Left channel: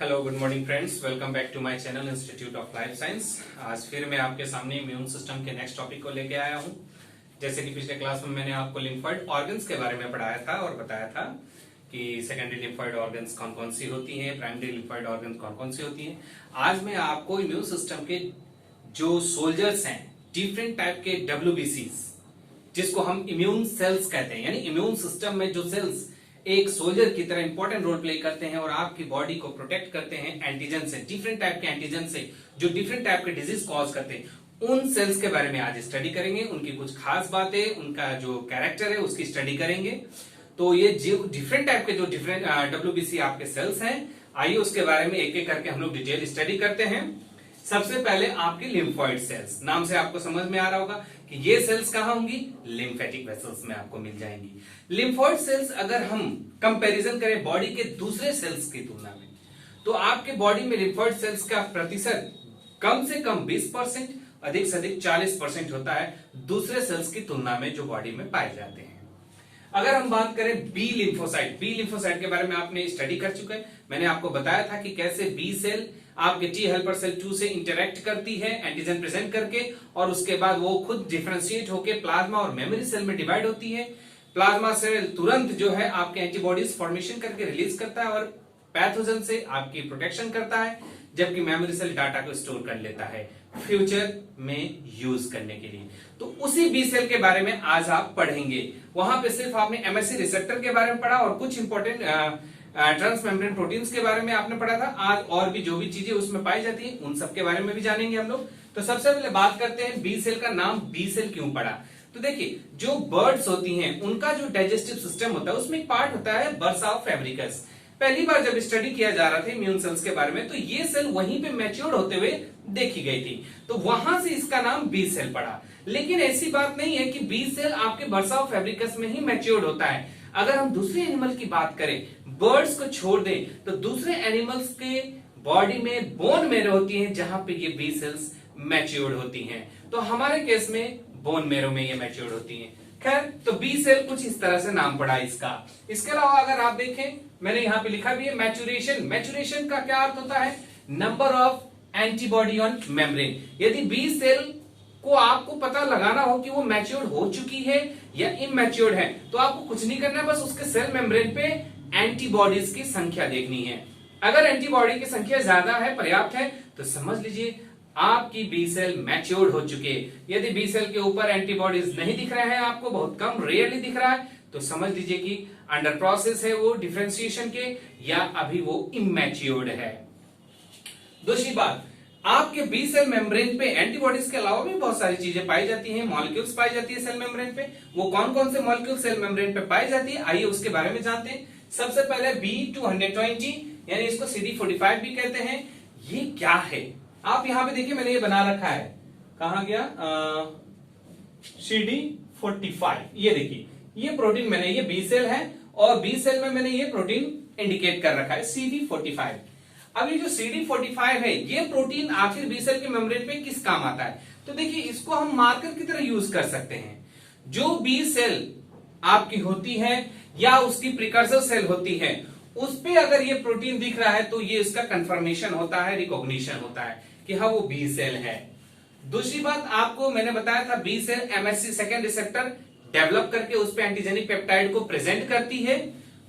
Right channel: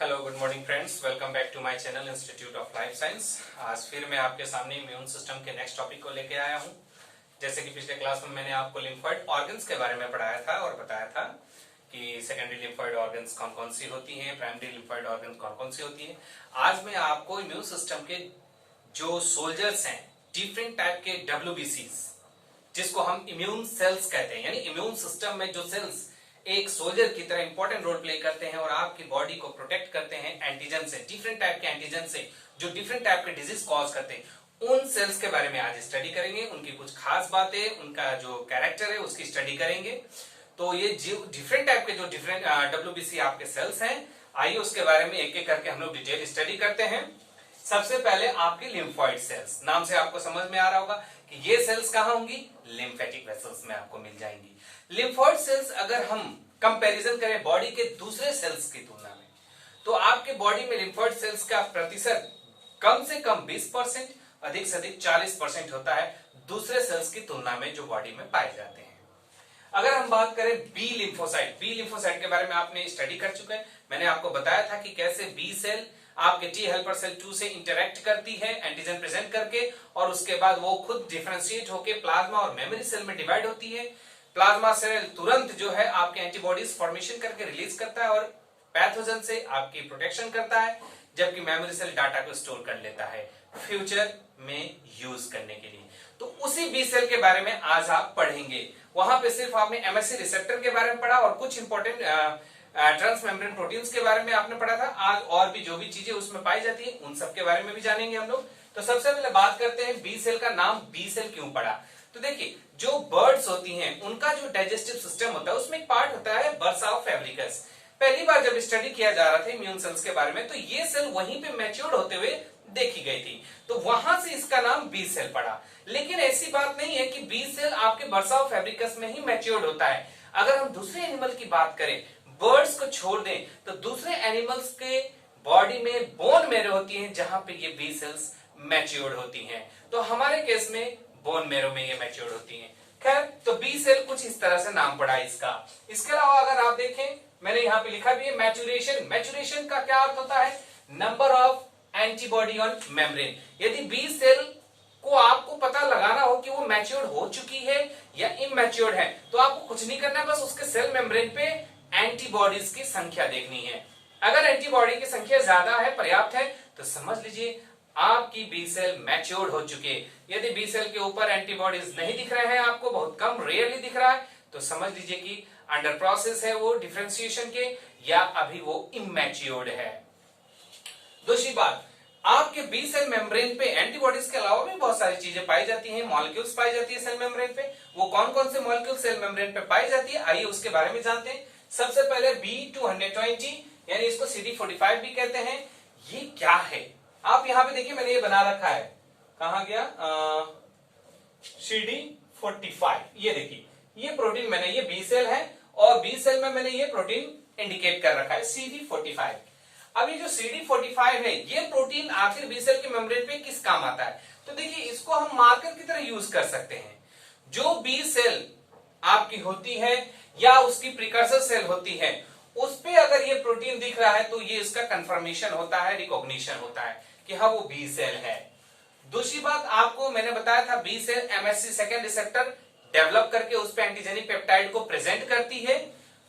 Hello good morning friends, welcome back to my channel institute of life science. आज फिर मैं आपके सामने इम्यून सिस्टम के नेक्स्ट टॉपिक को लेके आया हूं। जैसे कि पिछले क्लास में मैंने आपको लिम्फोइड ऑर्गन्स के बारे में पढ़ाया था और बताया था कि सेकेंडरी लिम्फोइड ऑर्गन्स कौन कौन सी होती हैं, प्राइमरी लिम्फोइड ऑर्गन्स कौन कौन सी होती हैं। आज मैं आपको इम्यून सिस्टम के जो सोल्जर्स हैं, डिफरेंट टाइप के WBCs, जिसको हम इम्यून सेल्स कहते हैं, यानी इम्यून सिस्टम में जो सेल्स एक सोल्जर की तरह इंपॉर्टेंट रोल प्ले करते हैं और आपकी बॉडी को प्रोटेक्ट करते हैं एंटीजन से, डिफरेंट टाइप के एंटीजन से जो डिफरेंट टाइप के डिजीज कॉज करते हैं, उन सेल्स के बारे में आज स्टडी करेंगे। उनकी कुछ खास बातें, उनका जो कैरेक्टर है उसकी स्टडी करेंगे। तो ये जो डिफरेंट टाइप के जो डिफरेंट WBC आपके सेल्स हैं, आइए उसके बारे में एक एक करके हम लोग डिटेल स्टडी करते हैं। सबसे पहले आपकी लिम्फोइड सेल्स, नाम से आपको समझ में आ रहा होगा कि ये सेल्स कहां होंगी, लिम्फेटिक वेसल्स में आपको मिल जाएंगी। लिम्फोइड सेल्स अगर हम कंपैरिजन करें बॉडी के दूसरे सेल्स की तुलना में, तो आपके बॉडी में लिम्फोइड सेल्स का प्रतिशत कम से कम 20%, अधिक से अधिक 40% होता है दूसरे सेल्स की तुलना में जो बॉडी में पाए जाते हैं। अगर हम बात करें बी लिम्फोसाइट के बारे में आपने स्टडी कर चुके हैं। मैंने आपको बताया था कि कैसे बी सेल आपके टी हेल्पर सेल 2 से इंटरेक्ट करती है एंटीजन प्रेजेंट करके, और उसके बाद वो खुद डिफरेंशिएट होकर प्लाज्मा और मेमोरी सेल में डिवाइड होती है। प्लाज्मा सेल तुरंत जो है आपके एंटीबॉडीज फॉर्मेशन करके रिलीज करता है और पैथोजन से आपकी प्रोटेक्शन करता है, जबकि मेमोरी सेल डाटा को स्टोर कर लेता है फ्यूचर में यूज करने के लिए। तो उसी बी सेल के बारे में आज आप पढ़ेंगे। वहां पे सिर्फ आपने MSC रिसेप्टर के बारे में पढ़ा और कुछ इंपॉर्टेंट ट्रांसमेम्ब्रेन प्रोटीन्स के बारे में आपने पढ़ा था। आज और भी जो भी चीजें उसमें पाई जाती है उन सब के बारे में भी जानेंगे हम लोग। तो सबसे पहले बात करते हैं बी सेल का नाम बी सेल क्यों पड़ा। तो देखिए, जो बर्ड्स होती हैं उनका जो डाइजेस्टिव सिस्टम होता है उसमें एक पार्ट होता है बर्सा फैब्रिकस। पहली बार जब स्टडी किया जा रहा था इम्यून सेल्स के बारे में, तो ये सेल वहीं पे मैच्योर होते हुए देखी गई थी, तो वहां से इसका नाम बी सेल पड़ा। लेकिन ऐसी बात नहीं है कि बी सेल आपके बर्सा फैब्रिकस में ही मैच्योर होता है। अगर हम दूसरे एनिमल की बात करें, बर्ड्स को छोड़ दें, तो दूसरे एनिमल्स के बॉडी में बोन मेरो होती है जहां पे ये बी सेल्स मैच्योर होती हैं। तो हमारे केस में बोन मेरो में ये मैच्योर होती हैं। खैर, तो बी सेल कुछ इस तरह से नाम पड़ा इसका। इसके अलावा अगर आप देखें, मैंने यहाँ पे लिखा भी है मैच्यूरेशन का क्या अर्थ होता है, number of antibody on membrane. यदि बी सेल को आपको पता लगाना हो कि वो मैच्योर हो चुकी है या इमैच्योर्ड है, तो आपको कुछ नहीं करना, बस उसके सेल मेम्ब्रेन पे एंटीबॉडीज की संख्या देखनी है। अगर एंटीबॉडी की संख्या ज्यादा है, पर्याप्त है, तो समझ लीजिए आपकी बी सेल मैच्योर्ड हो चुके। यदि बी सेल के ऊपर एंटीबॉडीज नहीं दिख रहे हैं, आपको बहुत कम, रेयरली दिख रहा है, तो समझ लीजिए कि अंडर प्रोसेस है वो डिफरेंशिएशन के, या अभी वो इमैच्योर्ड है। दूसरी बात, आपके बी सेल मेम्ब्रेन पे एंटीबॉडीज के अलावा भी बहुत सारी चीजें पाई जाती हैं, मॉलिक्यूल्स पाई जाती है सेल मेम्ब्रेन पे। वो कौन कौन से मॉलिक्यूल सेल मेम्ब्रेन पे पाई जाती है, आइए उसके बारे में जानते हैं। सबसे पहले B220, यानी इसको CD45 भी कहते हैं। ये क्या है, आप यहां पे देखिए, मैंने ये बना रखा है, कहां गया, CD45। ये देखिए, ये प्रोटीन मैंने, ये बी सेल है और बी सेल में मैंने ये प्रोटीन इंडिकेट कर रखा है CD45। अब ये जो CD45 है, ये प्रोटीन आखिर बी सेल के मेम्ब्रेन पे किस काम आता है, तो देखिए इसको हम मार्कर की तरह यूज कर सकते हैं। जो बी सेल आपकी होती है या उसकी प्रिकर्सर सेल होती है, उस पे अगर ये प्रोटीन दिख रहा है तो ये इसका कंफर्मेशन होता है, रिकॉग्निशन होता है कि हाँ वो बी सेल है। दूसरी बात, आपको मैंने बताया था B cell MSC second receptor develop करके उस पे एंटीजेनिक पेप्टाइड को प्रेजेंट करती है,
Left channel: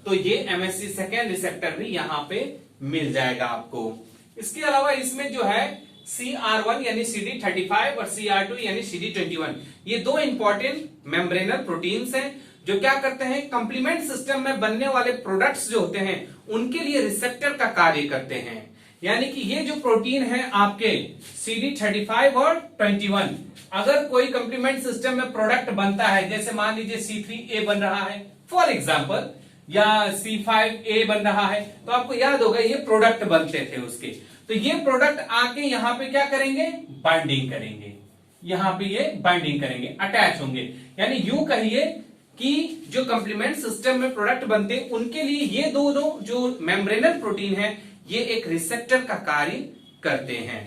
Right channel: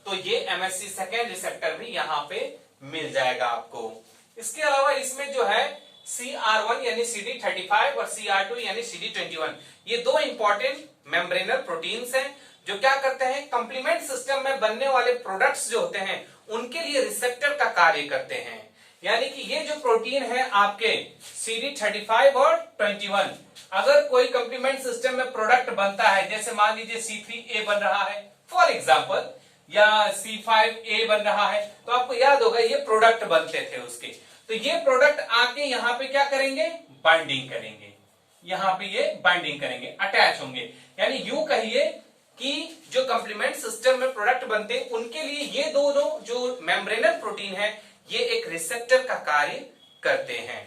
तो ये MSC सेकेंड रिसेप्टर भी यहां पे मिल जाएगा आपको। इसके अलावा इसमें जो है CR1 यानी CD35 और CR2 यानी CD21, ये दो इंपॉर्टेंट मेम्ब्रेनल प्रोटीन्स हैं जो क्या करते हैं, कंप्लीमेंट सिस्टम में बनने वाले प्रोडक्ट्स जो होते हैं उनके लिए रिसेप्टर का कार्य करते हैं। यानी कि ये जो प्रोटीन है आपके CD35 और 21, अगर कोई कंप्लीमेंट सिस्टम में प्रोडक्ट बनता है, जैसे मान लीजिए C3A बन रहा है फॉर एग्जांपल, या C5A बन रहा है, तो आपको याद होगा ये प्रोडक्ट बनते थे उसके। तो ये प्रोडक्ट आके यहां पे क्या करेंगे, बाइंडिंग करेंगे, यहां पे ये बाइंडिंग करेंगे, अटैच होंगे। यानी यूं कहिए कि जो कंप्लीमेंट सिस्टम में प्रोडक्ट बनते हैं उनके लिए ये दोनों जो मेम्ब्रेनल प्रोटीन है, ये एक रिसेप्टर का कार्य करते हैं।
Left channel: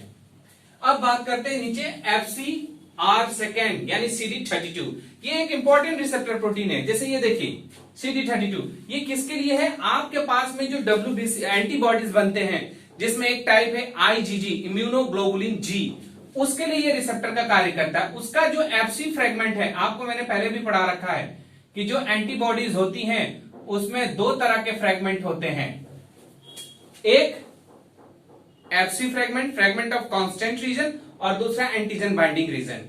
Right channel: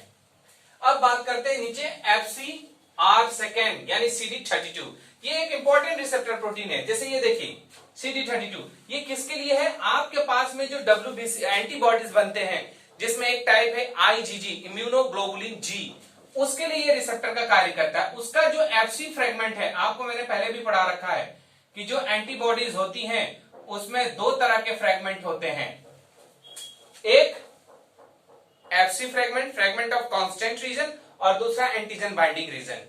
अब बात करते हैं नीचे FcR सेकेंड यानी CD32। ये एक इंपॉर्टेंट रिसेप्टर प्रोटीन है। जैसे ये देखिए CD32, ये किसके लिए है, आपके पास में जो WBC एंटीबॉडीज बनते हैं जिसमें एक टाइप है आईजीजी, इम्यूनोग्लोबुलिन जी, उसके लिए ये रिसेप्टर का कार्य करता है। उसका जो एफसी फ्रेगमेंट है, आपको मैंने पहले भी पढ़ा रखा है कि जो एंटीबॉडीज होती हैं उसमें दो तरह के फ्रेगमेंट होते हैं, एक FC fragment, fragment of constant region, और दूसरा एंटीजन बाइंडिंग रीजन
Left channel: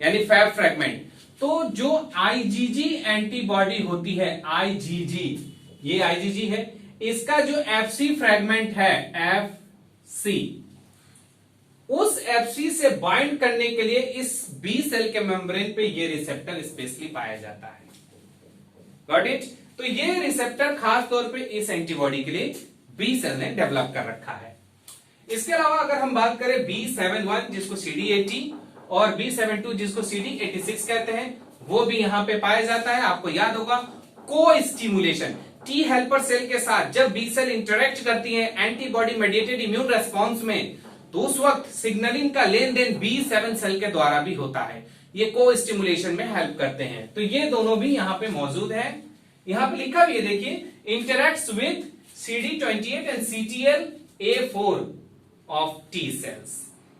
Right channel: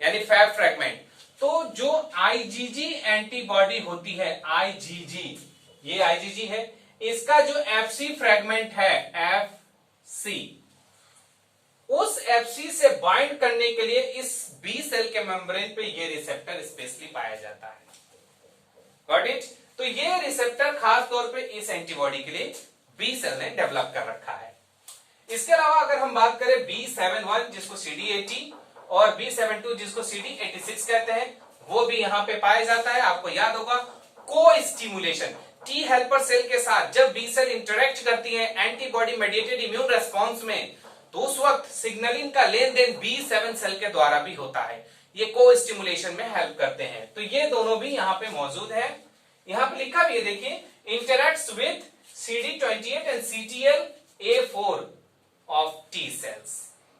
यानी फैब फ्रेगमेंट। तो जो आईजीजी एंटीबॉडी होती है, आईजीजी, ये आईजीजी है, इसका जो एफसी फ्रेगमेंट है, एफसी, उस एफसी से बाइंड करने के लिए इस बी सेल के मेम्ब्रेन पे ये रिसेप्टर स्पेशली पाया जाता है। Got it? तो ये रिसेप्टर खास तौर पे इस एंटीबॉडी के लिए बी सेल ने डेवलप कर रखा है। इसके अलावा अगर हम बात करें B71 जिसको CD80 और B72 जिसको CD86 कहते हैं, वो भी यहां पे पाया जाता है। आपको याद होगा को स्टिमुलेशन, टी हेल्पर सेल के साथ जब बी सेल इंटरेक्ट करती है एंटीबॉडी मेडिएटेड इम्यून रेस्पॉन्स में, तो उस वक्त सिग्नलिंग का लेन देन B7 सेल के द्वारा भी होता है। ये को स्टिमुलेशन में हेल्प करते हैं। तो ये दोनों भी यहां पे मौजूद है। यहां पे लिखा भी है, देखिए, interacts with CD28 and CTLA4 of T cells,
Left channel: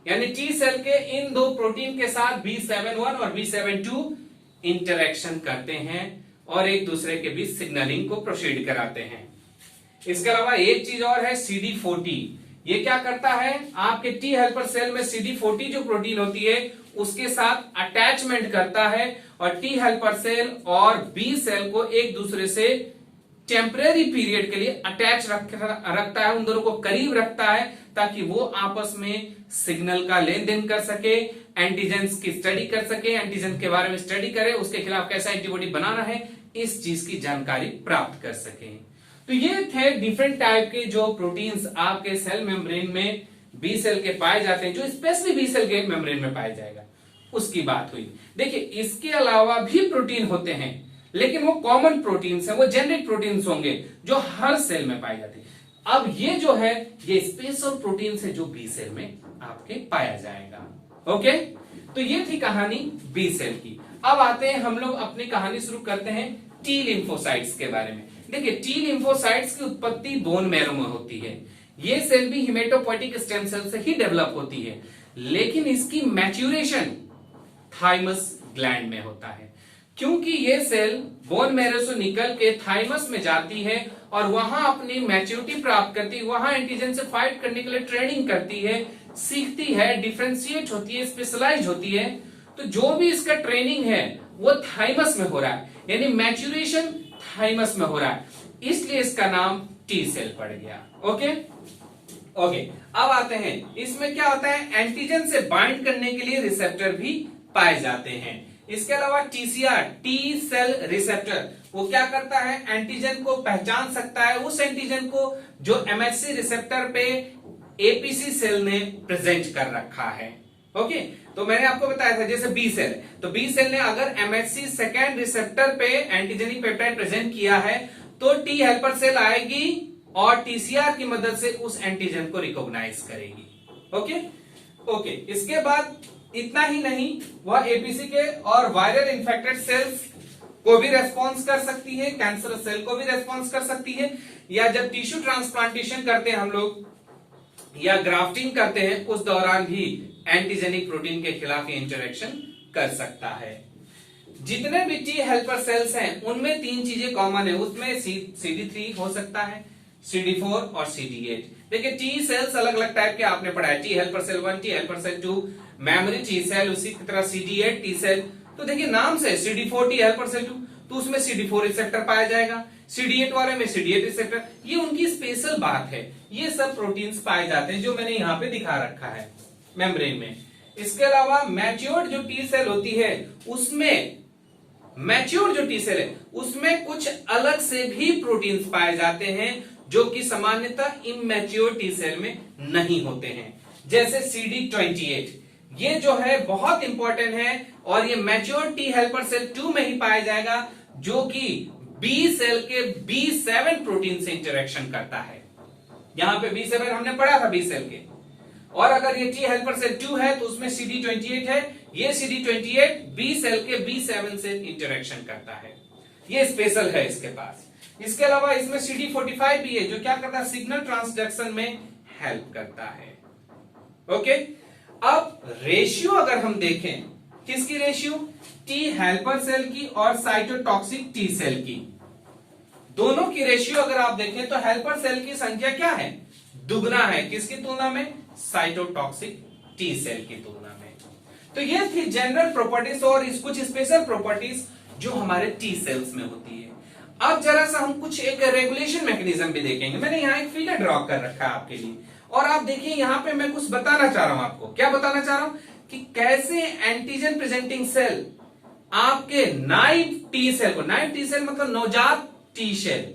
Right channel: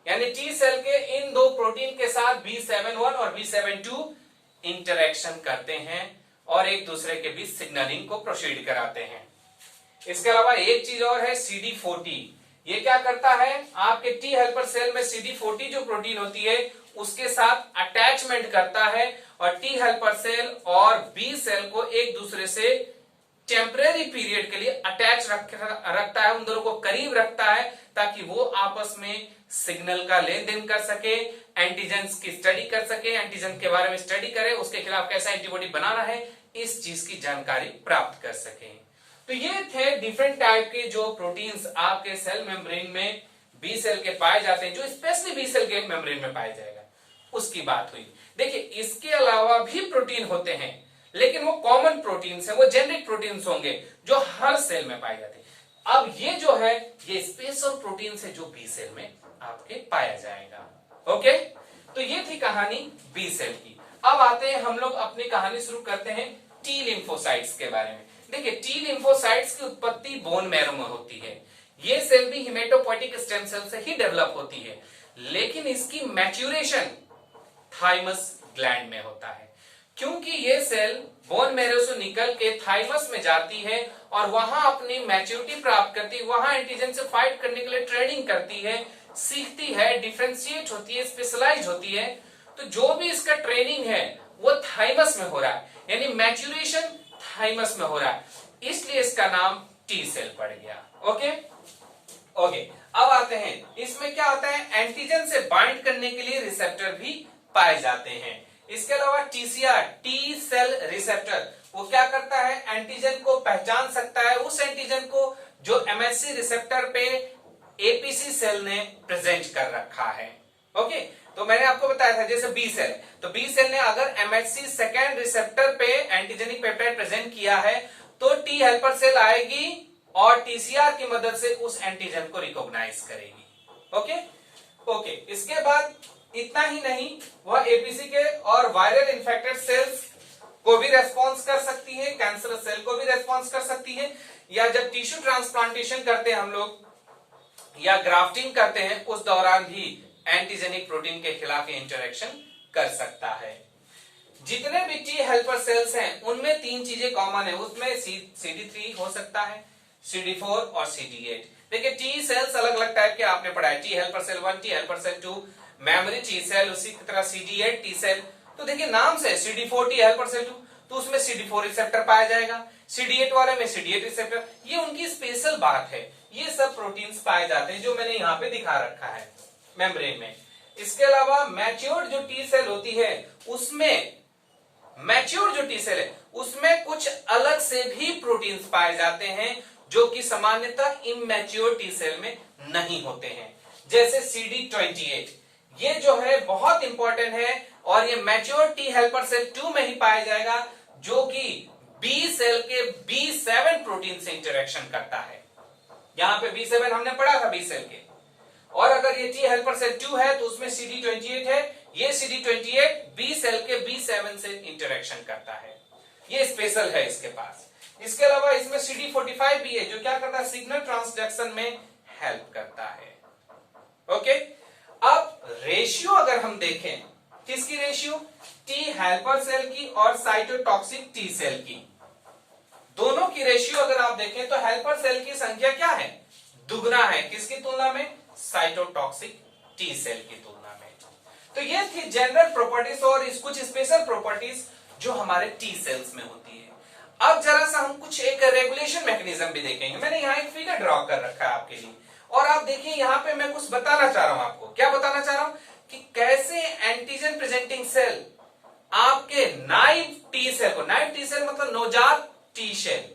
यानी टी सेल के इन दो प्रोटीन के साथ B71 और B72 इंटरेक्शन करते हैं और एक दूसरे के बीच सिग्नलिंग को प्रोसीड कराते हैं। इसके अलावा एक चीज और है, CD40। ये क्या करता है, आपके टी हेल्पर सेल में CD40 जो प्रोटीन होती है उसके साथ अटैचमेंट करता है और टी हेल्पर सेल और बी सेल को एक दूसरे से टेम्परेरी पीरियड के लिए अटैच रखता है, उन दोनों को करीब रखता है ताकि वो आपस में सिग्नल का लेन देन कर सके, एंटीजेंस की स्टडी कर सके, एंटीजन के बारे में स्टडी करे, उसके खिलाफ कैसा एंटीबॉडी बनाना है, इस चीज की जानकारी प्राप्त कर सके। तो ये थे डिफरेंट टाइप के जो प्रोटीन्स आपके सेल मेम्ब्रेन में बी सेल के पाए जाते हैं, जो स्पेशली बी सेल के मेम्ब्रेन में पाया जाएगा, उसकी बात हुई। देखिए, इसके अलावा भी प्रोटीन होते हैं, लेकिन वो कॉमन प्रोटीन्स हैं, वो जेनेरिक प्रोटीन्स होंगे जो हर सेल में पाए जाते हैं। अब ये जो है, ये स्पेशल प्रोटीन्स है जो बी सेल में आपके पाया जाएगा। ओके, तो ये थी कहानी बी सेल की। अब आते हैं हम लोग अपनी कहानी शुरू करते हैं टी लिम्फोसाइट्स के बारे में। देखिए, टी लिम्फोसाइट्स की उत्पत्ति बोन मैरो में होती है। ये सेल भी हिमेटोपोइटिक स्टेम सेल से ही डेवलप होती है, लेकिन इसकी मैच्यूरेशन थाइमस ग्लैंड में होता है, क्योंकि ये सेल बोन मैरो से निकल के थाइमस में जाती है और वहां अपनी मैच्योरिटी प्राप्त करती है, वहां एंटीजन से फाइट करने के लिए ट्रेनिंग करती है, सीखती है, डिफरेंशिएट होती है, स्पेशलाइज होती है। तो जो भी इसका ट्रेनिंग है वो थाइमस में हो रहा है, यानी मैच्यूरेशन थाइमस में हो रहा है, इसलिए इसका नाम टी सेल पड़ गया। ओके ओके, अब आते हैं, इसमें क्या होता है, एंटीजन से बाइंड करने के लिए रिसेप्टर भी पाए जाते हैं। इसके अलावा टीसीआर, टी सेल रिसेप्टर, वो क्या करता है, एंटीजन को पहचान सकता है, उस एंटीजन को जो एमएचसी रिसेप्टर पे एपीसी सेल ने प्रेजेंट कर रखा है। ओके, तो मैंने आपको बताया था जैसे बी सेल, तो बी सेल ने अगर एमएचसी सेकेंड रिसेप्टर पे एंटीजेनिक पेप्टाइड प्रेजेंट किया है तो टी हेल्पर सेल आएगी और टीसीआर की मदद से उस एंटीजन को रिकॉग्नाइज करेगी। ओके ओके, इसके बाद इतना ही नहीं, वह एपीसी के और वायरल इन्फेक्टेड सेल्स को भी रेस्पॉन्स कर सकती है, कैंसर सेल को भी रेस्पॉन्स कर सकती है, या जब टिश्यू ट्रांसप्लांटेशन करते हैं हम लोग या ग्राफ्टिंग करते हैं उस दौरान भी एंटीजेनिक प्रोटीन के खिलाफ इंटरेक्शन कर सकता है। जितने भी टी हेल्पर सेल्स हैं उनमें तीन चीजें कॉमन है, उसमें CD3 हो सकता है, CD4 और CD8। देखिए, टी सेल्स अलग अलग टाइप के आपने पढ़ा है, T helper cell 1, T helper cell 2, memory T cell, उसी की तरह CD8 टी सेल। तो देखिए, नाम से CD4 टी हेल्पर सेल 2, तो उसमें CD4 रिसेप्टर पाया जाएगा, CD8 वाले में CD8 रिसेप्टर। ये उनकी स्पेशल बात है, ये सब प्रोटीन्स पाए जाते हैं जो मैंने यहाँ पे दिखा रखा है मेम्ब्रेन में। इसके अलावा मैच्योर्ड जो टी सेल होती है उसमें, मैच्योर जो टी सेल है उसमें कुछ अलग से भी प्रोटीन्स पाए जाते हैं जो कि सामान्यतः इमैच्योर टी सेल में नहीं होते हैं, जैसे CD28। ये जो है बहुत इंपॉर्टेंट है और ये मैच्योर टी हेल्पर सेल 2 में ही पाया जाएगा, जो कि बी सेल के B7 प्रोटीन से इंटरेक्शन करता है। यहां पे B7 हमने पढ़ा था बी सेल के, और अगर ये टी हेल्पर सेल 2 है तो उसमें CD28 है, ये CD28 बी सेल के B7 से इंटरेक्शन करता है, ये स्पेशल है इसके पास। इसके अलावा इसमें CD45 भी है जो क्या करता है, सिग्नल ट्रांसडक्शन में हेल्प करता है। ओके, अब रेशियो अगर हम देखें, किसकी रेशियो? टी हेल्पर सेल की और साइटोटॉक्सिक टी सेल की, दोनों की रेशियो अगर आप देखें तो हेल्पर सेल की संख्या क्या है? दुगना है। किसकी तुलना में? साइटोटॉक्सिक टी सेल की तुलना में। तो ये थी जनरल प्रॉपर्टीज और कुछ स्पेशल प्रॉपर्टीज जो हमारे टी सेल्स में होती है। अब जरा सा हम कुछ एक रेगुलेशन मैकेनिज्म भी देखेंगे। मैंने यहाँ एक फिगर ड्रॉ कर रखा है आपके लिए, और आप देखिए यहाँ पे मैं कुछ बताना चाह रहा हूं आपको। क्या बताना चाह रहा हूं? कि कैसे एंटीजन प्रेजेंटिंग सेल आपके नाइव टी सेल को, नाइव टी सेल मतलब नवजात टी सेल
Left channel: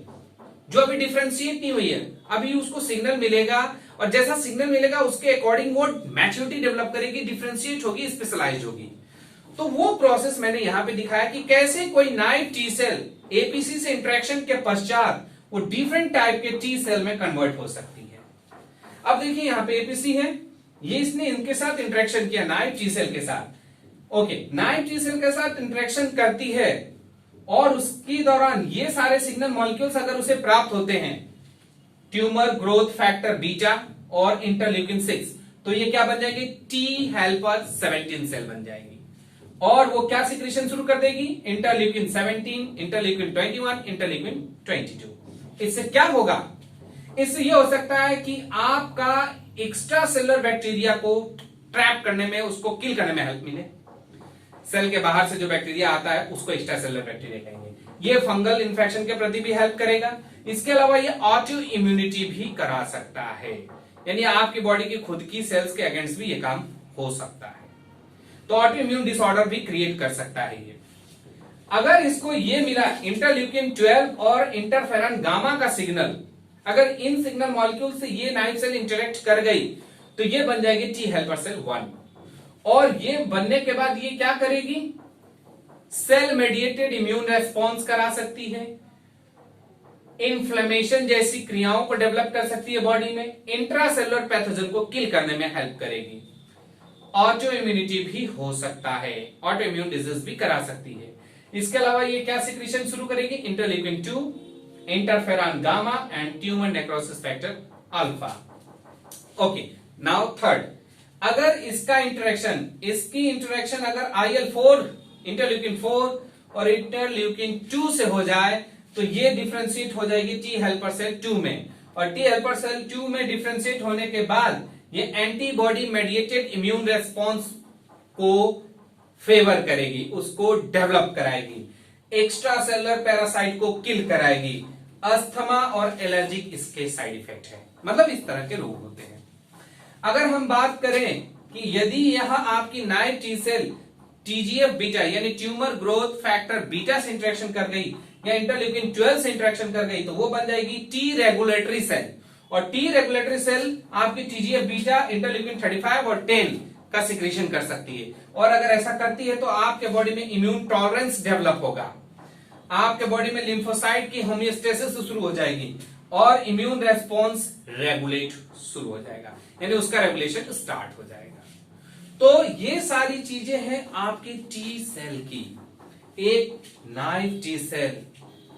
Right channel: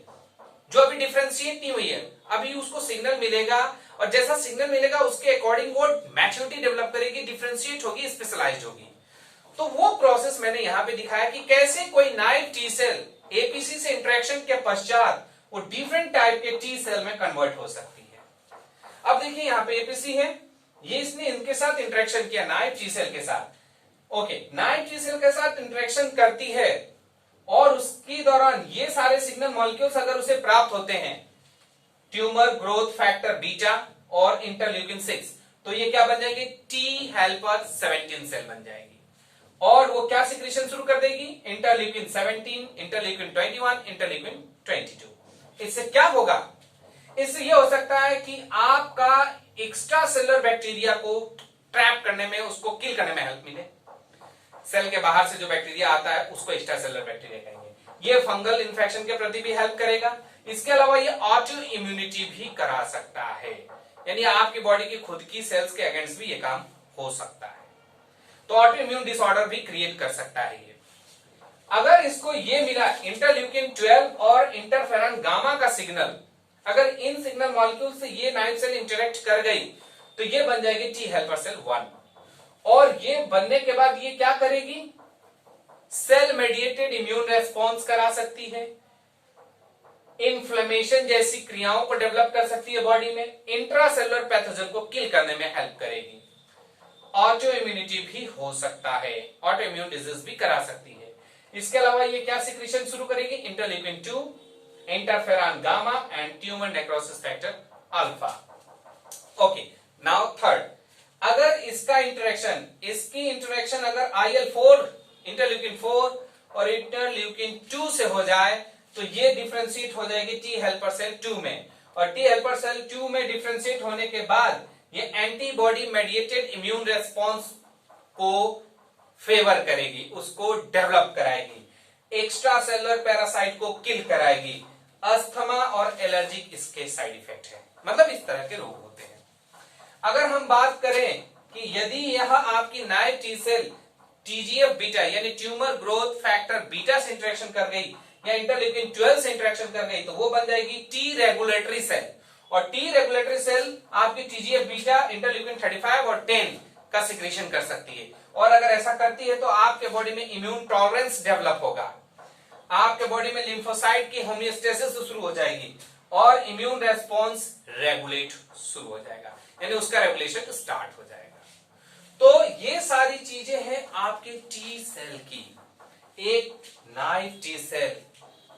जो अभी डिफ्रेंशिएट नहीं हुई है, अभी उसको सिग्नल मिलेगा, और जैसा सिग्नल मिलेगा उसके अकॉर्डिंग वो मैच्योरिटी डेवलप करेगी, डिफ्रेंशिएट होगी, स्पेशलाइज होगी। तो वो प्रोसेस मैंने यहां पे दिखाया कि कैसे कोई नाइव टी सेल एपीसी से इंटरेक्शन के पश्चात वो डिफरेंट टाइप के टी सेल में कन्वर्ट हो सकती है। अब देखिए यहां पे एपीसी है, ये इसने इनके साथ इंटरेक्शन किया, नाइव टी सेल के साथ। ओके, नाइव टी सेल के साथ इंटरेक्शन करती है, और उसके दौरान ये सारे सिग्नल मॉलिक्यूल्स अगर उसे प्राप्त होते हैं, ट्यूमर ग्रोथ फैक्टर बीटा और इंटरल्यूकिन 6, तो ये क्या बन जाएंगे? टी हेल्पर 17 सेल बन जाएगी। और वो क्या सिक्रीशन शुरू कर देगी? Interleukin 17, interleukin 21, interleukin 22। इससे क्या होगा? इससे ये हो सकता है कि आपका एक्स्ट्रा सेलुलर बैक्टीरिया को ट्रैप करने में, उसको किल करने में हेल्प मिले। सेल के बाहर से जो बैक्टीरिया आता है उसको एक्स्ट्रा सेलुलर बैक्टीरिया कहेंगे। ये फंगल इन्फेक्शन के प्रति भी हेल्प करेगा। इसके अलावा ये ऑटो इम्यूनिटी भी करा सकता है, यानी आपकी बॉडी की खुद की सेल्स के अगेंस्ट भी ये काम हो सकता है। तो ऑटो इम्यून डिसऑर्डर भी क्रिएट कर सकता है ये। अगर इसको ये मिला इंटरल्यूकिन 12 और इंटरफेरॉन गामा का सिग्नल, अगर इन सिग्नल मॉलिक्यूल से ये नाइव सेल इंटरेक्ट कर गई तो ये बन जाएगी टी हेल्पर सेल 1। और ये बनने के बाद ये क्या करेगी? सेल मेडिएटेड इम्यून रेस्पॉन्स करा सकती है, इन्फ्लेमेशन जैसी क्रियाओं को डेवलप कर सकती है बॉडी में, इंट्रासेलुलर पैथोजन को किल करने में हेल्प करेगी, ऑटो इम्यूनिटी भी हो सकता है, ऑटो इम्यून डिजीज भी करा सकती है। इसके अलावा ये क्या सिक्रीशन शुरू करेगी? Interleukin 2, interferon gamma and tumour necrosis factor alpha. Okay, now third, अगर इसका इंटरेक्शन, इसकी इंटरेक्शन अगर IL-4, इंटरल्यूकिन 4 और इंटरल्यूकिन 2 से हो जाए तो ये डिफरेंशिएट हो जाएगी टी हेल्पर सेल 2 में, और टी हेल्पर सेल 2 में डिफरेंशिएट होने के बाद ये एंटीबॉडी मेडिएटेड इम्यून रेस्पॉन्स को फेवर करेगी, उसको डेवलप कराएगी, एक्स्ट्रा सेलुलर पैरासाइट को किल कराएगी। अस्थमा और एलर्जिक इसके साइड इफेक्ट है, मतलब इस तरह के रोग होते हैं। अगर हम बात करें कि यदि यह आपकी naive T cell TGF beta यानी ट्यूमर ग्रोथ फैक्टर बीटा से इंटरेक्शन कर गई या इंटरल्यूकिन 12 से इंटरेक्शन कर गई तो वो बन जाएगी टी रेगुलेटरी सेल, और टी रेगुलेटरी सेल आपकी टीजीएफ बीटा, इंटरल्यूकिन 35 और 10 का सिक्रीशन कर सकती है। और अगर ऐसा करती है तो आपके बॉडी में इम्यून टॉलरेंस डेवलप होगा, आपके बॉडी में लिम्फोसाइट की होमियोस्टेसिस शुरू हो जाएगी और इम्यून रेस्पॉन्स रेगुलेट शुरू हो जाएगा, यानी उसका रेगुलेशन स्टार्ट हो जाएगा। तो ये सारी चीजें हैं आपके टी सेल की। एक नाइव टी सेल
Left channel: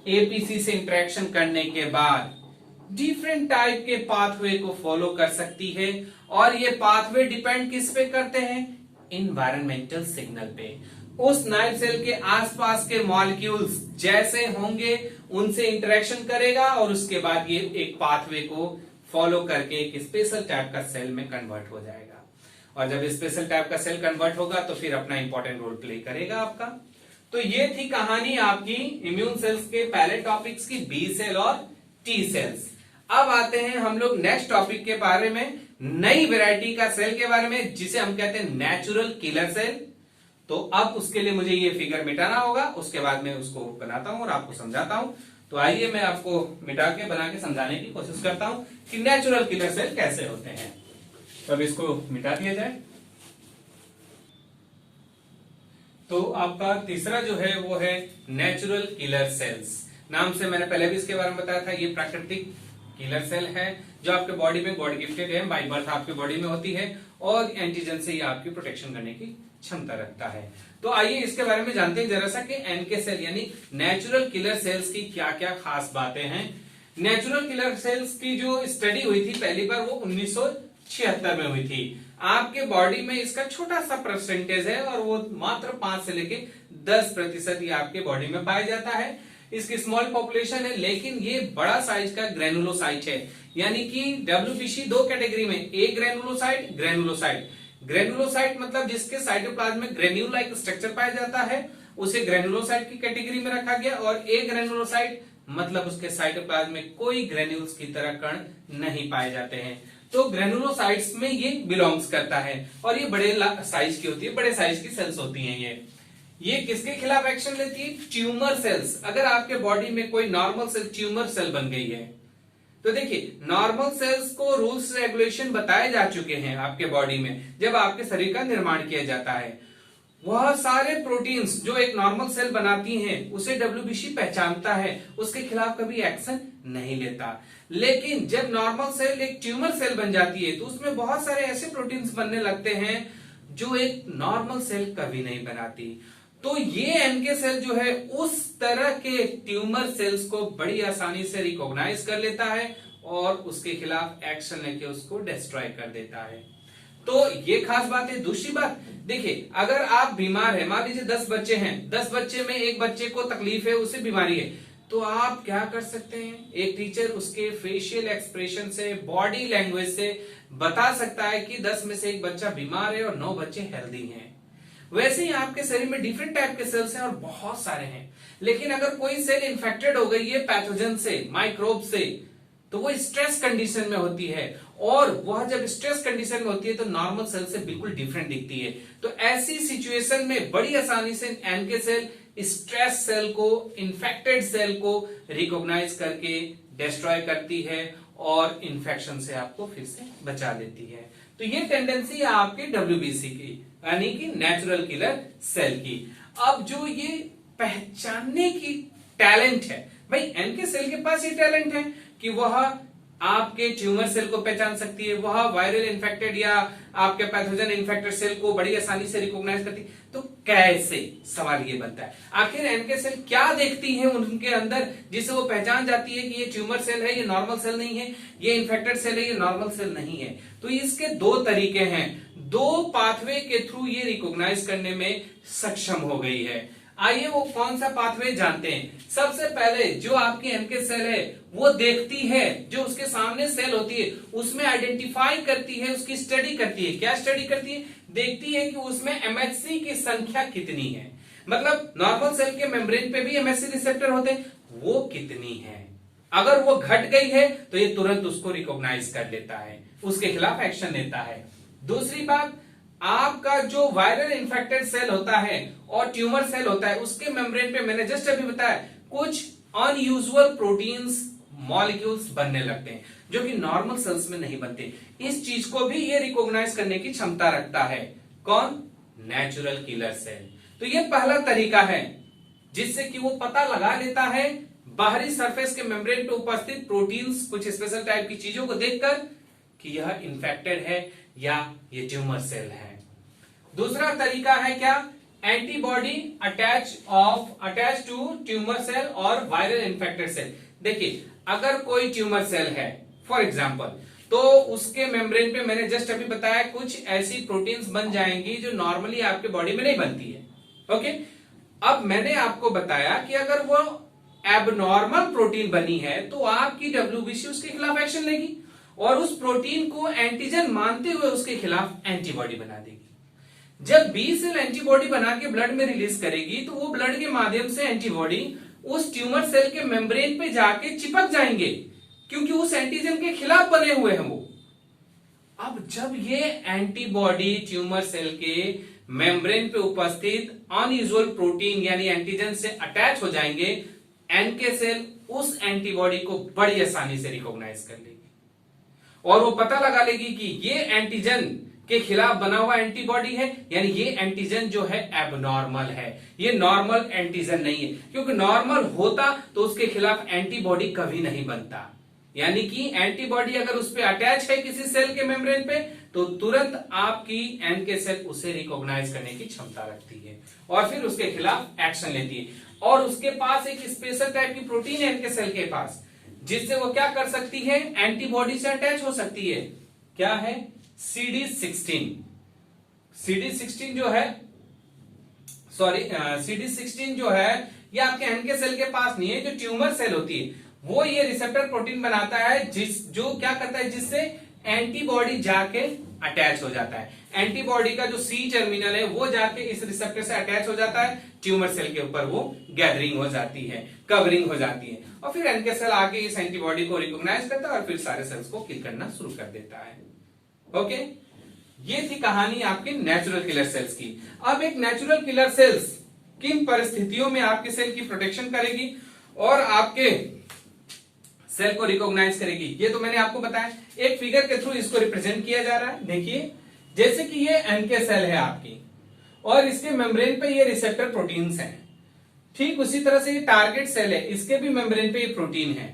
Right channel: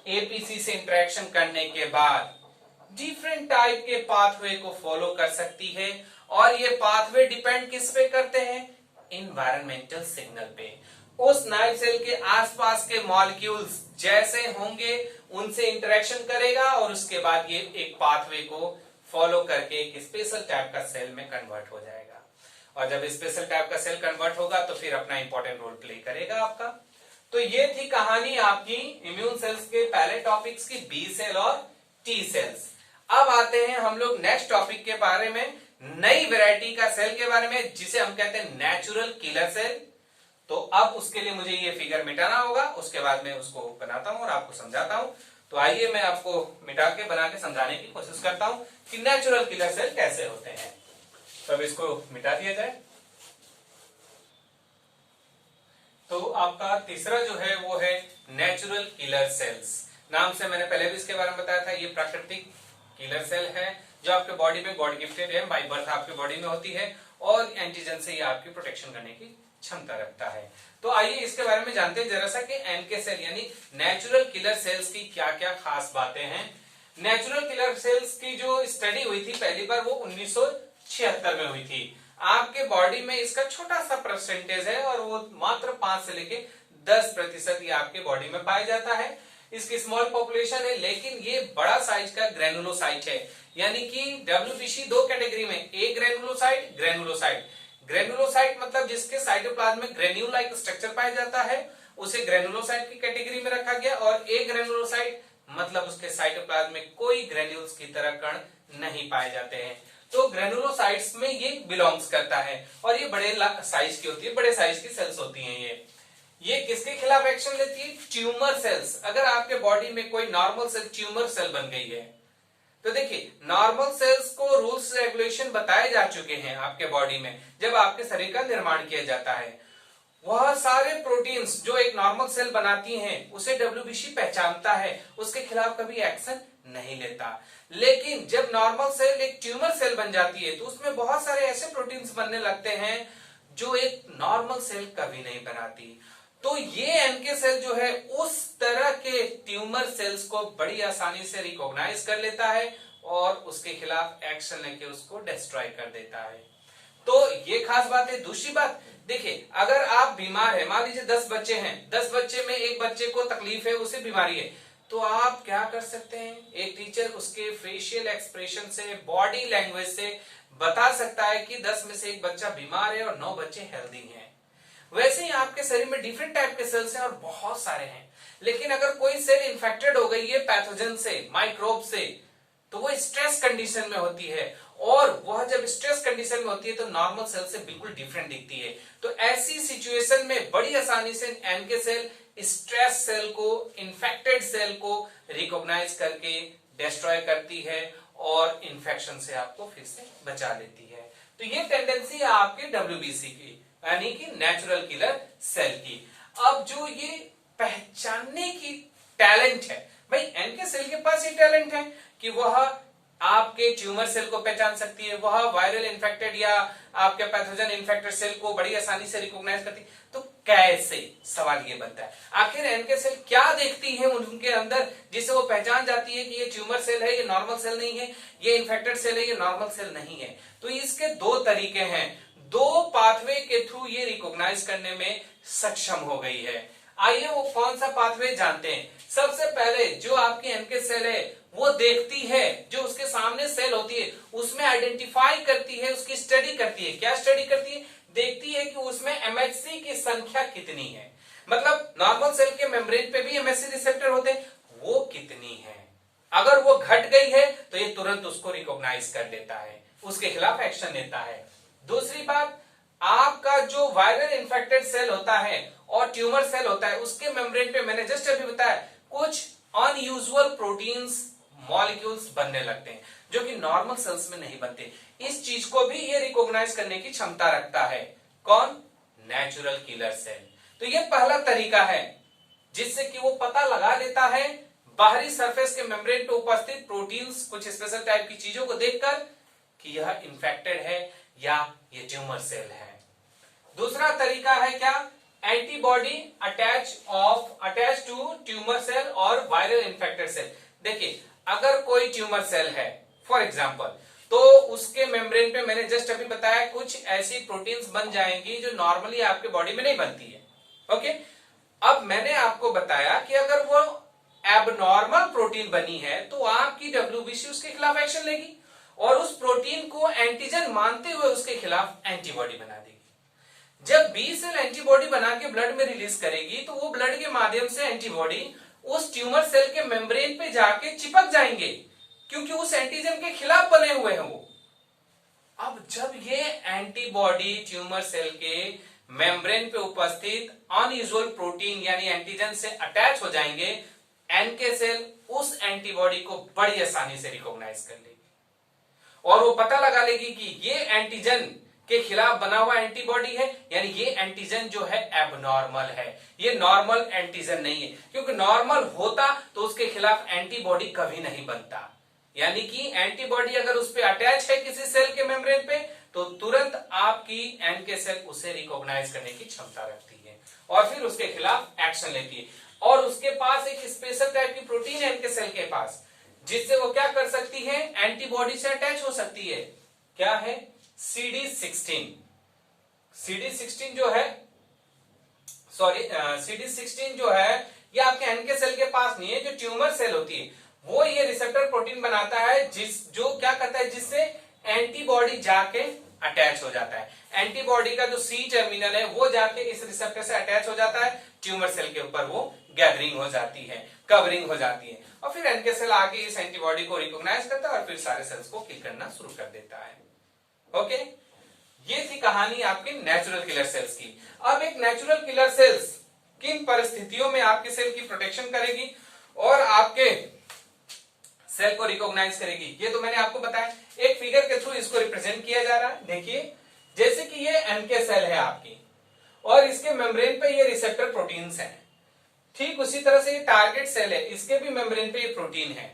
एपीसी से इंटरेक्शन करने के बाद डिफरेंट टाइप के पाथवे को फॉलो कर सकती है, और ये पाथवे डिपेंड किस पे करते हैं? इन्वायरमेंटल सिग्नल पे। उस नाइव सेल के आसपास के मॉलिक्यूल्स जैसे होंगे उनसे इंटरेक्शन करेगा, और उसके बाद ये एक पाथवे को फॉलो करके एक स्पेशल टाइप का सेल में कन्वर्ट हो जाएगा, और जब स्पेशल टाइप का सेल कन्वर्ट होगा तो फिर अपना इंपॉर्टेंट रोल प्ले करेगा आपका। तो ये थी कहानी आपकी इम्यून सेल्स के पहले टॉपिक्स की, बी सेल और टी सेल्स। अब आते हैं हम लोग नेक्स्ट टॉपिक के बारे में, नई वैरायटी का सेल के बारे में, जिसे हम कहते हैं नेचुरल किलर सेल। तो अब उसके लिए मुझे ये फिगर मिटाना होगा, उसके बाद मैं उसको बनाता हूं और आपको समझाता हूं। तो आइए मैं आपको मिटा के बना के समझाने की कोशिश करता हूं कि नेचुरल किलर सेल कैसे होते हैं। तो अब इसको मिटा दिया जाए। तो आपका तीसरा जो है वो है नेचुरल किलर सेल्स। नाम से मैंने पहले भी इसके बारे में बताया था, ये प्राकृतिक किलर सेल है जो आपके बॉडी में गॉड गिफ्टेड है, बाय बर्थ आपके बॉडी में होती है, और एंटीजन से ये आपकी प्रोटेक्शन करने की क्षमता रखता है। तो आइए इसके बारे में जानते हैं जरा सा कि एनके सेल यानी नेचुरल किलर सेल्स की क्या क्या खास बातें हैं। नेचुरल किलर सेल्स की जो स्टडी हुई थी पहली बार वो 1976 में हुई थी। आपके बॉडी में इसका छोटा सा परसेंटेज है और वो मात्र 5 से लेके 10% ही आपके बॉडी में पाया जाता है। इसकी स्मॉल पॉपुलेशन है, लेकिन ये बड़ा साइज का ग्रेनुलोसाइट है। यानी कि डब्ल्यूबीसी दो कैटेगरी में, ए ग्रेनुलोसाइट, ग्रेनुलोसाइट। ग्रेनुलोसाइट मतलब जिसके साइटोप्लाज्म में ग्रेन्यूल लाइक स्ट्रक्चर पाया जाता है, उसे ग्रेनुलोसाइट की कैटेगरी में रखा गया। और ए ग्रेनुलोसाइट मतलब उसके साइटोप्लाज्म में कोई ग्रेन्यूल्स की तरह कण नहीं पाए जाते हैं। तो ग्रेनुलोसाइट्स में ये बिलोंग्स करता है और ये बड़े साइज की होती है, बड़े साइज की सेल्स होती हैं। ये किसके खिलाफ एक्शन लेती है? Tumour cells. अगर आपके बॉडी में कोई नॉर्मल सेल ट्यूमर सेल बन गई है तो देखिए, नॉर्मल सेल्स को रूल्स रेगुलेशन बताए जा चुके हैं आपके बॉडी में जब आपके शरीर का निर्माण किया जाता है। वह सारे प्रोटीन्स जो एक नॉर्मल सेल बनाती हैं उसे डब्ल्यूबीसी पहचानता है, उसके खिलाफ कभी एक्शन नहीं लेता। लेकिन जब नॉर्मल सेल एक ट्यूमर सेल बन जाती है तो उसमें बहुत सारे ऐसे प्रोटीन्स बनने लगते हैं जो एक नॉर्मल सेल कभी नहीं बनाती। तो ये एनके सेल जो है उस तरह के ट्यूमर सेल्स को बड़ी आसानी से रिकॉग्नाइज कर लेता है और उसके खिलाफ एक्शन लेके उसको डिस्ट्रॉय कर देता है। तो ये खास बात है। दूसरी बात देखिए, अगर आप बीमार है, मान लीजिए 10 बच्चे हैं, 10 बच्चे में एक बच्चे को तकलीफ है, उसे बीमारी है, तो आप क्या कर सकते हैं? एक टीचर उसके फेशियल एक्सप्रेशन से, बॉडी लैंग्वेज से बता सकता है कि 10 में से एक बच्चा बीमार है और 9 बच्चे हेल्दी हैं। वैसे ही आपके शरीर में डिफरेंट टाइप के सेल्स हैं और बहुत सारे हैं। लेकिन अगर कोई सेल इन्फेक्टेड हो गई है पैथोजन से, माइक्रोब से, तो वो स्ट्रेस कंडीशन में होती है और वह जब स्ट्रेस कंडीशन में होती है तो नॉर्मल सेल से बिल्कुल डिफरेंट दिखती है। तो ऐसी सिचुएशन में बड़ी आसानी से एनके सेल स्ट्रेस सेल को, इन्फेक्टेड सेल को रिकॉग्नाइज करके डिस्ट्रॉय करती है और इन्फेक्शन से आपको फिर से बचा लेती है। तो ये टेंडेंसी है आपके डब्ल्यूबीसी की, यानी कि नेचुरल किलर सेल की। अब जो ये पहचानने की टैलेंट है, भाई एनके सेल के पास ये टैलेंट है कि वह आपके ट्यूमर सेल को पहचान सकती है, वह वायरल इन्फेक्टेड या आपके पैथोजन इन्फेक्टेड सेल को बड़ी आसानी से रिकॉग्नाइज करती है। तो कैसे, सवाल ये बनता है, आखिर एनके सेल क्या देखती है उनके अंदर जिसे वो पहचान जाती है कि ये ट्यूमर सेल है, ये नॉर्मल सेल नहीं है, ये इन्फेक्टेड सेल है, ये नॉर्मल सेल नहीं है। तो इसके दो तरीके हैं, दो पाथवे के थ्रू ये रिकॉग्नाइज करने में सक्षम हो गई है। आइए वो कौन सा पाथवे जानते हैं। सबसे पहले जो आपकी एनके सेल है वो देखती है, जो उसके सामने सेल होती है उसमें आइडेंटिफाई करती है, उसकी स्टडी करती है। क्या स्टडी करती है? देखती है कि उसमें एमएचसी की संख्या कितनी है, मतलब नॉर्मल सेल के मेम्ब्रेन पे भी एमएचसी रिसेप्टर होते हैं, वो कितनी है। अगर वो घट गई है तो ये तुरंत उसको रिकॉग्नाइज कर लेता है, उसके खिलाफ एक्शन लेता है। दूसरी बात, आपका जो वायरल इन्फेक्टेड सेल होता है और ट्यूमर सेल होता है उसके मेम्ब्रेन पे मैंने जस्ट अभी बताया कुछ अनयूजुअल प्रोटीन्स, मॉलिक्यूल्स बनने लगते हैं जो कि नॉर्मल सेल्स में नहीं बनते। इस चीज को भी ये रिकॉग्नाइज करने की क्षमता रखता है। कौन? Natural killer cell. तो ये पहला तरीका है जिससे कि वो पता लगा लेता है बाहरी सरफेस के मेम्ब्रेन पे उपस्थित प्रोटीन्स, कुछ स्पेशल टाइप की चीजों को देखकर कि यह इन्फेक्टेड है या ये ट्यूमर सेल है। दूसरा तरीका है क्या? Antibody attach to tumour cell और वायरल इन्फेक्टेड सेल। देखिए, अगर कोई ट्यूमर सेल है फॉर एग्जांपल, तो उसके मेम्ब्रेन पे मैंने जस्ट अभी बताया कुछ ऐसी प्रोटीन्स बन जाएंगी जो नॉर्मली आपके बॉडी में नहीं बनती है। ओके, अब मैंने आपको बताया कि अगर वो एबनॉर्मल प्रोटीन बनी है तो आपकी डब्ल्यूबीसी उसके खिलाफ एक्शन लेगी और उस प्रोटीन को एंटीजन मानते हुए उसके खिलाफ एंटीबॉडी बना देगी। जब बी सेल एंटीबॉडी बना के ब्लड में रिलीज करेगी तो वो ब्लड के माध्यम से एंटीबॉडी उस ट्यूमर सेल के मेम्ब्रेन पे जाके चिपक जाएंगे क्योंकि उस एंटीजन के खिलाफ बने हुए हैं वो। अब जब ये एंटीबॉडी ट्यूमर सेल के मेम्ब्रेन पे उपस्थित अनयूजुअल प्रोटीन यानी एंटीजन से अटैच हो जाएंगे, एनके सेल उस एंटीबॉडी को बड़ी आसानी से रिकॉग्नाइज कर लेगी और वो पता लगा लेगी कि ये एंटीजन के खिलाफ बना हुआ एंटीबॉडी है, यानी ये एंटीजन जो है एबनॉर्मल है, ये नॉर्मल एंटीजन नहीं है। क्योंकि नॉर्मल होता तो उसके खिलाफ एंटीबॉडी कभी नहीं बनता। यानी कि एंटीबॉडी अगर उस पर अटैच है किसी सेल के मेम्ब्रेन पे तो तुरंत आपकी एनके सेल उसे रिकॉग्नाइज करने की क्षमता रखती है और फिर उसके खिलाफ एक्शन लेती है। और उसके पास एक स्पेशल टाइप की प्रोटीन है एनके सेल के पास जिससे वो क्या कर सकती है, एंटीबॉडी से अटैच हो सकती है। क्या है, CD16। CD16 जो है, CD16 जो है ये आपके एनके सेल के पास नहीं है, जो ट्यूमर सेल होती है वो ये रिसेप्टर प्रोटीन बनाता है जो क्या करता है, जिससे एंटीबॉडी जाके अटैच हो जाता है। एंटीबॉडी का जो सी टर्मिनल है वो जाके इस रिसेप्टर से अटैच हो जाता है, ट्यूमर सेल के ऊपर वो गैदरिंग हो जाती है, कवरिंग हो जाती है, और फिर एनके सेल आके इस एंटीबॉडी को रिकॉग्नाइज करता है और फिर सारे सेल्स को किल करना शुरू कर देता है। ओके, ये थी कहानी आपके नेचुरल किलर सेल्स की। अब एक नेचुरल किलर सेल्स किन परिस्थितियों में आपके सेल की प्रोटेक्शन करेगी और आपके सेल को रिकॉग्नाइज करेगी, ये तो मैंने आपको बताया। एक फिगर के थ्रू इसको रिप्रेजेंट किया जा रहा है। देखिए, जैसे कि ये एनके सेल है आपकी और इसके मेम्ब्रेन पे ये रिसेप्टर प्रोटीन्स हैं, ठीक उसी तरह से ये टारगेट सेल है, इसके भी मेम्ब्रेन पे ये प्रोटीन है।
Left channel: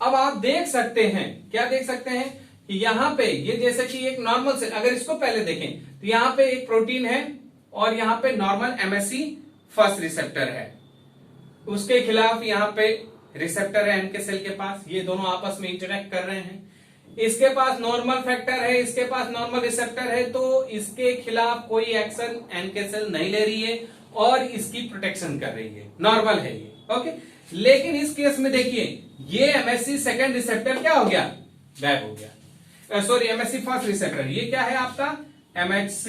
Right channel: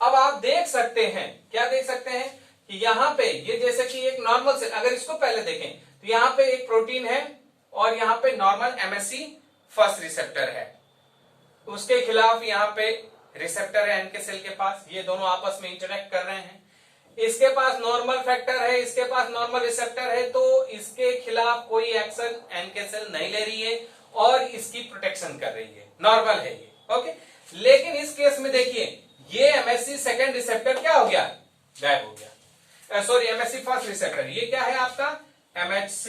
अब आप देख सकते हैं, क्या देख सकते हैं कि यहां पे ये जैसे कि एक नॉर्मल सेल, अगर इसको पहले देखें तो यहां पे एक प्रोटीन है और यहां पे नॉर्मल MSC फर्स्ट रिसेप्टर है, उसके खिलाफ यहां पे रिसेप्टर है एनके सेल के पास, ये दोनों आपस में इंटरेक्ट कर रहे हैं। इसके पास नॉर्मल फैक्टर है, इसके पास नॉर्मल रिसेप्टर है, तो इसके खिलाफ कोई एक्शन एनके सेल नहीं ले रही है और इसकी प्रोटेक्शन कर रही है, नॉर्मल है ये। ओके, लेकिन इस केस में देखिए ये MSC सेकेंड रिसेप्टर क्या हो गया, गायब हो गया। सॉरी, MSC फर्स्ट रिसेप्टर, ये क्या है आपका MHC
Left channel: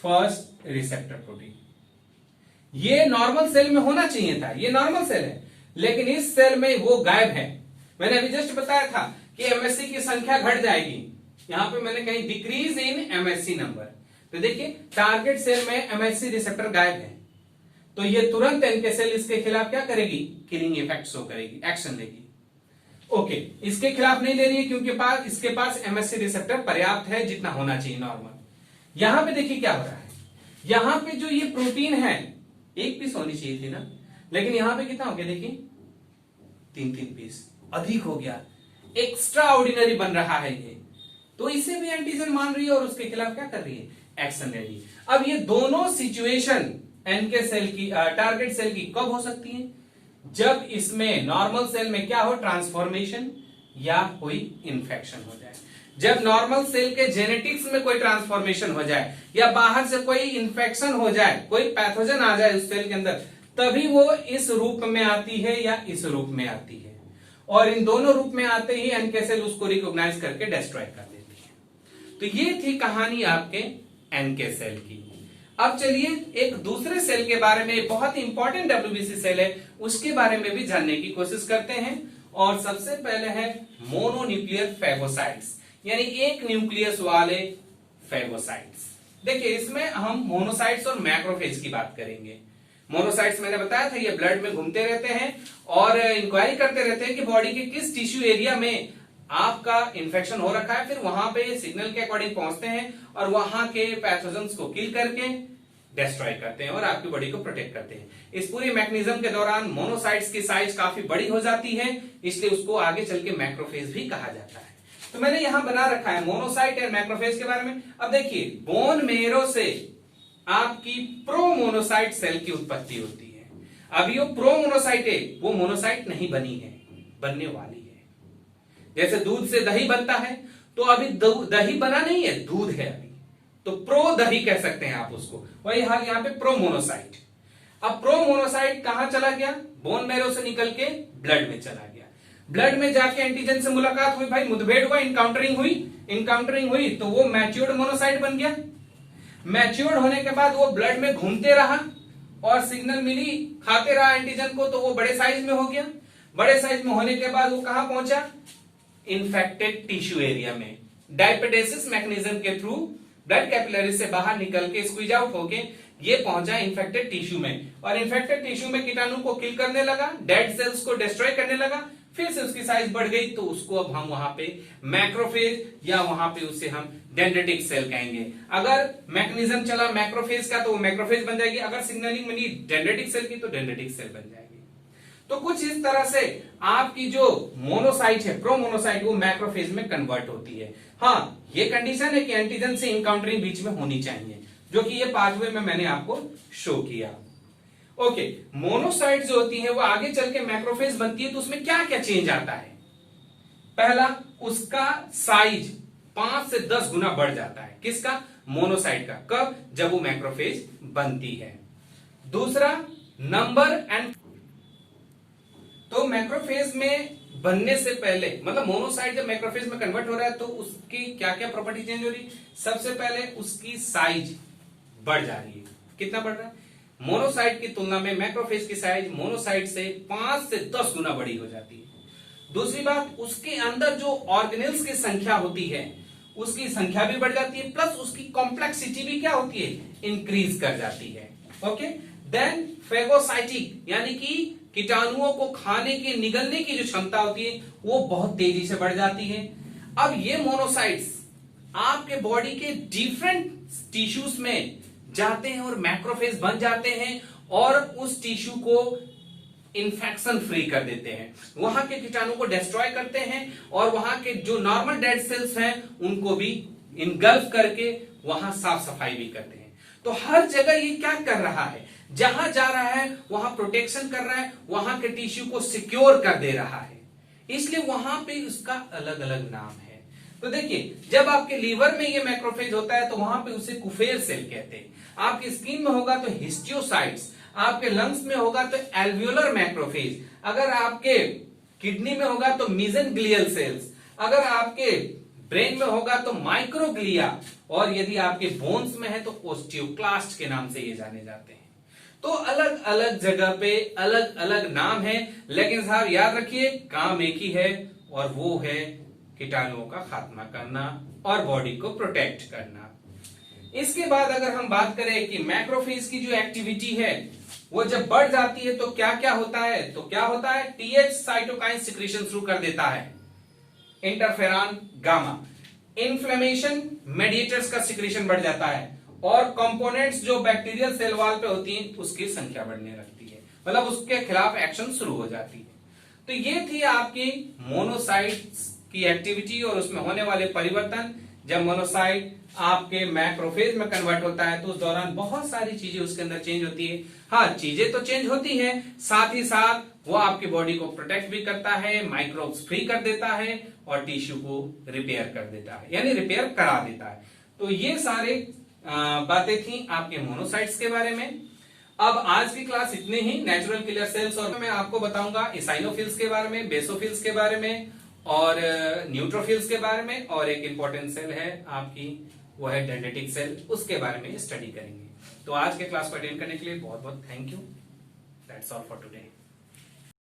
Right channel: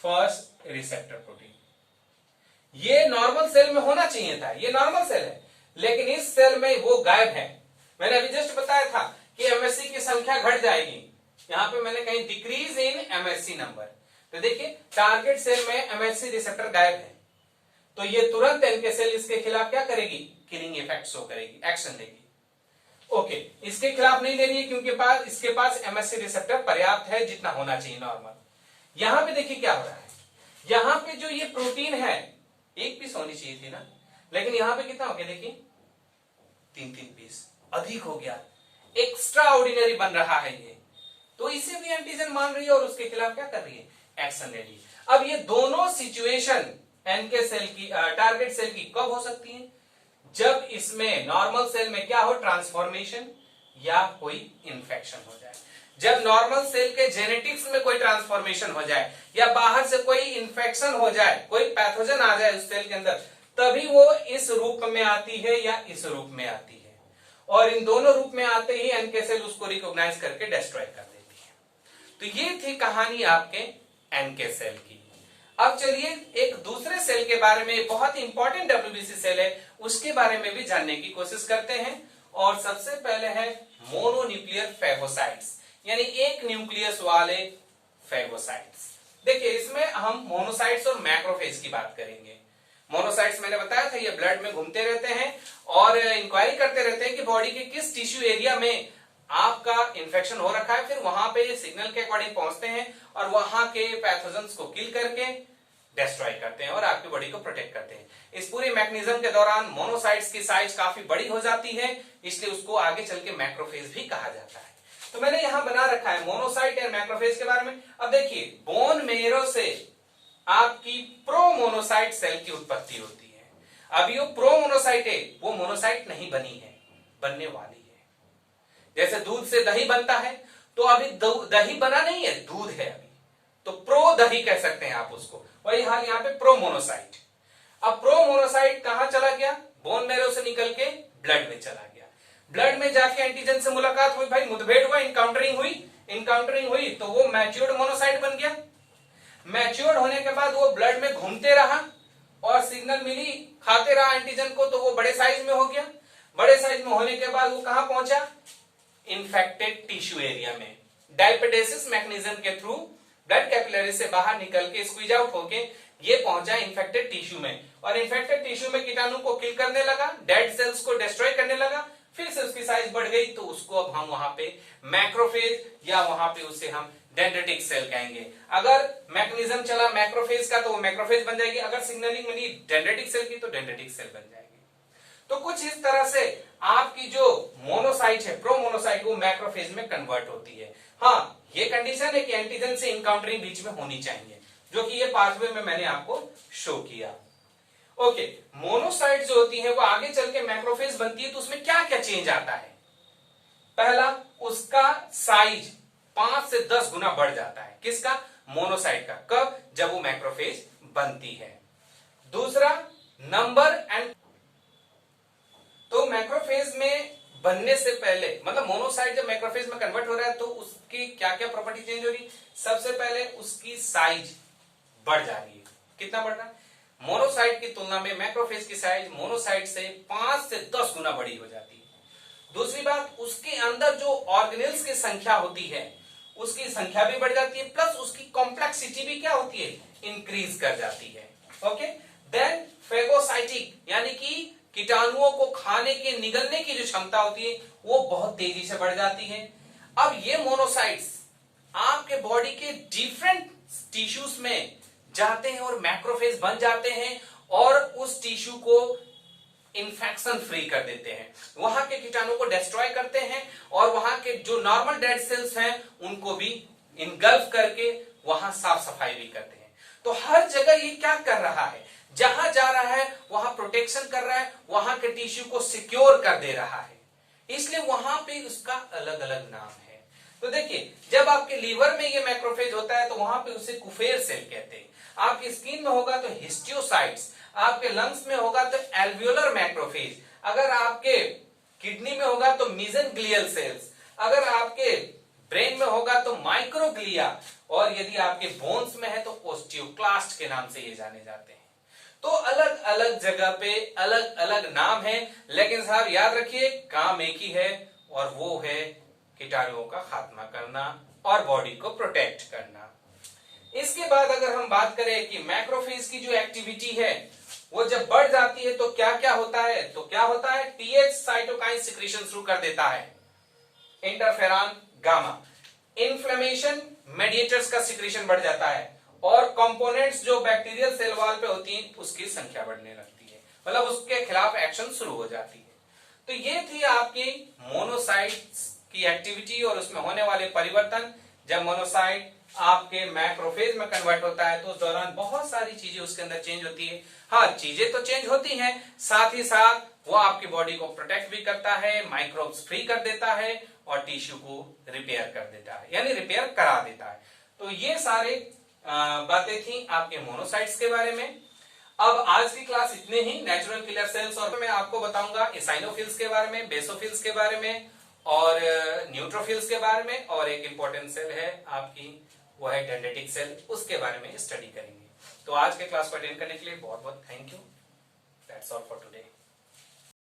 फर्स्ट रिसेप्टर प्रोटीन। ये नॉर्मल सेल में होना चाहिए था, ये नॉर्मल सेल है, लेकिन इस सेल में वो गायब है। मैंने अभी जस्ट बताया था कि MSC की संख्या घट जाएगी, यहां पे मैंने कहीं डिक्रीज इन MSC नंबर, तो देखिए टारगेट सेल में MSC रिसेप्टर गायब है, तो ये तुरंत एनके सेल इसके खिलाफ क्या करेगी, किलिंग इफेक्ट शो करेगी, एक्शन लेगी। ओके, इसके खिलाफ नहीं ले रही है क्योंकि इसके पास MSC रिसेप्टर पर्याप्त है, जितना होना चाहिए नॉर्मल। यहां पे देखिए क्या हो रहा है, यहां पे जो ये प्रोटीन है एक पीस होनी चाहिए थी ना, लेकिन यहां पे कितना हो गया, देखिए 3-3 पीस अधिक हो गया, एक्स्ट्रा ऑर्डिनरी बन रहा है ये, तो इसे भी एंटीजन मान रही है और उसके खिलाफ क्या कर रही है, एक्शन ले रही है। अब ये दोनों सिचुएशन एनके सेल की, टारगेट सेल की कब हो सकती है, जब इसमें नॉर्मल सेल में क्या हो, ट्रांसफॉर्मेशन या कोई इंफेक्शन हो जाए। जब नॉर्मल सेल के जेनेटिक्स में कोई ट्रांसफॉर्मेशन हो जाए या बाहर से कोई इंफेक्शन हो जाए, कोई पैथोजन आ जाए उस सेल के अंदर, तभी वो इस रूप में आती है या इस रूप में आती है, और इन दोनों रूप में आते ही एनके सेल उसको रिकॉग्नाइज करके डिस्ट्रॉय कर देती है। तो ये थी कहानी आपके एनके सेल की। अब चलिए एक दूसरे सेल के बारे में, बहुत ही इंपॉर्टेंट WBC सेल है, उसके बारे में भी जानने की कोशिश करते हैं। और सबसे पहले है मोनोन्यूक्लियर फेगोसाइट्स, यानी एक न्यूक्लियस वाले फेगोसाइट्स। देखिए इसमें हम मोनोसाइट्स और मैक्रोफेज की बात करेंगे। मोनोसाइट्स मैंने बताया था ये ब्लड में घूमते रहते हैं और इंक्वायरी करते रहते हैं कि बॉडी के किस टिश्यू एरिया में आपका इन्फेक्शन हो रखा है, फिर वहां पे सिग्नल के अकॉर्डिंग पहुंचते हैं और वहां के पैथोजेंस को किल करके डिस्ट्रॉय करते हैं और आपकी बॉडी को प्रोटेक्ट करते हैं। इस पूरी मैकेनिज्म के दौरान मोनोसाइट्स की साइज काफी बड़ी हो जाती है, इसलिए उसको आगे चल के मैक्रोफेज भी कहा जाता है। तो मैंने यहां बना रखा है मोनोसाइट और मैक्रोफेज के बारे में। अब देखिए बोन मेरो से आपकी प्रोमोनोसाइट सेल की उत्पत्ति होती है। अब ये प्रोमोनोसाइट है, वो मोनोसाइट नहीं बनी है, बनने वाली है। जैसे दूध से दही बनता है, तो अभी दही बना नहीं है, दूध है अभी, तो प्रो दही कह सकते हैं आप उसको, वही हाल यहाँ पे प्रोमोनोसाइट। अब प्रोमोनोसाइट कहां चला गया, बोन मैरो से निकल के ब्लड में चला गया। ब्लड में जाके एंटीजन से मुलाकात हुई, भाई मुठभेड़ हुआ, इंकाउंटरिंग हुई, तो वो मैच्योर्ड मोनोसाइट बन गया। मैच्योर्ड होने के बाद वो ब्लड में घूमते रहा और सिग्नल मिली, खाते रहा एंटीजन को, तो वो बड़े साइज में हो गया। बड़े साइज में होने के बाद वो कहां पहुंचा, इन्फेक्टेड टिश्यू एरिया में। डायपेडेसिस मैकेनिज्म के थ्रू ब्लड कैपिलरी से बाहर निकल के स्क्वीज आउट होके ये पहुंचा इन्फेक्टेड टिश्यू में, और इन्फेक्टेड टिश्यू में कीटाणु को किल करने लगा, डेड सेल्स को डिस्ट्रॉय करने लगा। फिर से उसकी साइज बढ़ गई, तो उसको अब हम वहां पे मैक्रोफेज या वहां पे उसे हम डेंड्रिटिक सेल कहेंगे। अगर मैकेनिज्म चला मैक्रोफेज का तो वो मैक्रोफेज बन जाएगी, अगर सिग्नलिंग मिली डेंड्रिटिक सेल की तो डेंड्रिटिक सेल बन जाएगी। तो कुछ इस तरह से आपकी जो मोनोसाइट है, प्रोमोनोसाइट, वो मैक्रोफेज में कन्वर्ट होती है। हाँ, ये कंडीशन है कि एंटीजन से इनकाउंटरिंग बीच में होनी चाहिए, जो कि ये पाथवे में मैंने आपको शो किया। ओके, मोनोसाइट जो होती है वो आगे चल के मैक्रोफेज बनती है, तो उसमें क्या क्या चेंज आता है? पहला, उसका साइज 5 से 10 गुना बढ़ जाता है। किसका? मोनोसाइट का। कब? जब वो मैक्रोफेज बनती है। दूसरा, नंबर एंड, तो मैक्रोफेज में बनने से पहले, मतलब मोनोसाइट जब मैक्रोफेज में कन्वर्ट हो रहा है तो उसकी क्या क्या प्रॉपर्टी चेंज हो रही है? सबसे पहले उसकी साइज बढ़ जा रही है। कितना बढ़ रहा है? मोनोसाइट की तुलना में मैक्रोफेज की साइज मोनोसाइट से 5 से 10 गुना बड़ी हो जाती है। दूसरी बात, उसके अंदर जो ऑर्गेनेल्स की संख्या होती है उसकी संख्या भी बढ़ जाती है, प्लस उसकी कॉम्प्लेक्सिटी भी क्या होती है? इंक्रीज कर जाती है। ओके, देन फेगोसाइटिक, यानी कि कीटाणुओं को खाने के निगलने की जो क्षमता होती है वो बहुत तेजी से बढ़ जाती है। अब ये मोनोसाइट्स आपके बॉडी के डिफरेंट टिश्यूज में जाते हैं और मैक्रोफेज बन जाते हैं और उस टिश्यू को इन्फेक्शन फ्री कर देते हैं, वहां के कीटाणु को डिस्ट्रॉय करते हैं और वहां के जो नॉर्मल डेड सेल्स हैं उनको भी इनगल्फ करके वहां साफ सफाई भी करते हैं। तो हर जगह ये क्या कर रहा है? जहां जा रहा है वहां प्रोटेक्शन कर रहा है, वहां के टिश्यू को सिक्योर कर दे रहा है, इसलिए वहां पे उसका अलग अलग नाम है। तो देखिए, जब आपके लीवर में ये मैक्रोफेज होता है तो वहां पे उसे कुफेर सेल कहते हैं। आपकी स्किन में होगा तो हिस्टियोसाइट्स, आपके लंग्स में होगा तो एल्वियोलर मैक्रोफेज, अगर आपके किडनी में होगा तो मीजेंग्लियल सेल्स, अगर आपके ब्रेन में होगा तो माइक्रोग्लिया, और यदि आपके बोन्स में है तो ओस्टियोक्लास्ट के नाम से ये जाने जाते हैं। तो अलग अलग जगह पे अलग अलग नाम है, लेकिन साहब याद रखिए काम एक ही है, और वो है कीटाणुओं का खात्मा करना और बॉडी को प्रोटेक्ट करना। इसके बाद अगर हम बात करें कि मैक्रोफेज की जो एक्टिविटी है वो जब बढ़ जाती है तो क्या क्या होता है, तो क्या होता है? टीएच साइटोकाइन सिक्रीशन शुरू कर देता है, इंटरफेरॉन गामा, इन्फ्लेमेशन मेडिएटर्स का सिक्रीशन बढ़ जाता है, और कंपोनेंट्स जो बैक्टीरियल सेल वॉल पे होती हैं उसकी संख्या बढ़ने लगती है, मतलब उसके खिलाफ एक्शन शुरू हो जाती है। तो ये थी आपकी मोनोसाइट्स की एक्टिविटी और उसमें होने वाले परिवर्तन। जब मोनोसाइट आपके मैक्रोफेज में कन्वर्ट होता है तो उस दौरान बहुत सारी चीजें उसके अंदर चेंज होती है। हाँ, चीजें तो चेंज होती हैं, साथ ही साथ वो आपकी बॉडी को प्रोटेक्ट भी करता है, माइक्रोब्स फ्री कर देता है और टिश्यू को रिपेयर कर देता है, यानी रिपेयर करा देता है। तो ये सारे बातें थी आपके मोनोसाइट्स के बारे में। अब आज की क्लास इतने ही। नेचुरल किलर सेल्स, और मैं आपको बताऊंगा इसाइनोफिल्स के बारे में, बेसोफिल्स के बारे में और न्यूट्रोफिल्स के बारे में, और एक इंपॉर्टेंट सेल है आपकी वो है डेंड्रिटिक सेल, उसके बारे में स्टडी करेंगे। तो आज के क्लास को अटेंड करने के लिए बहुत बहुत thank you. That's all for today.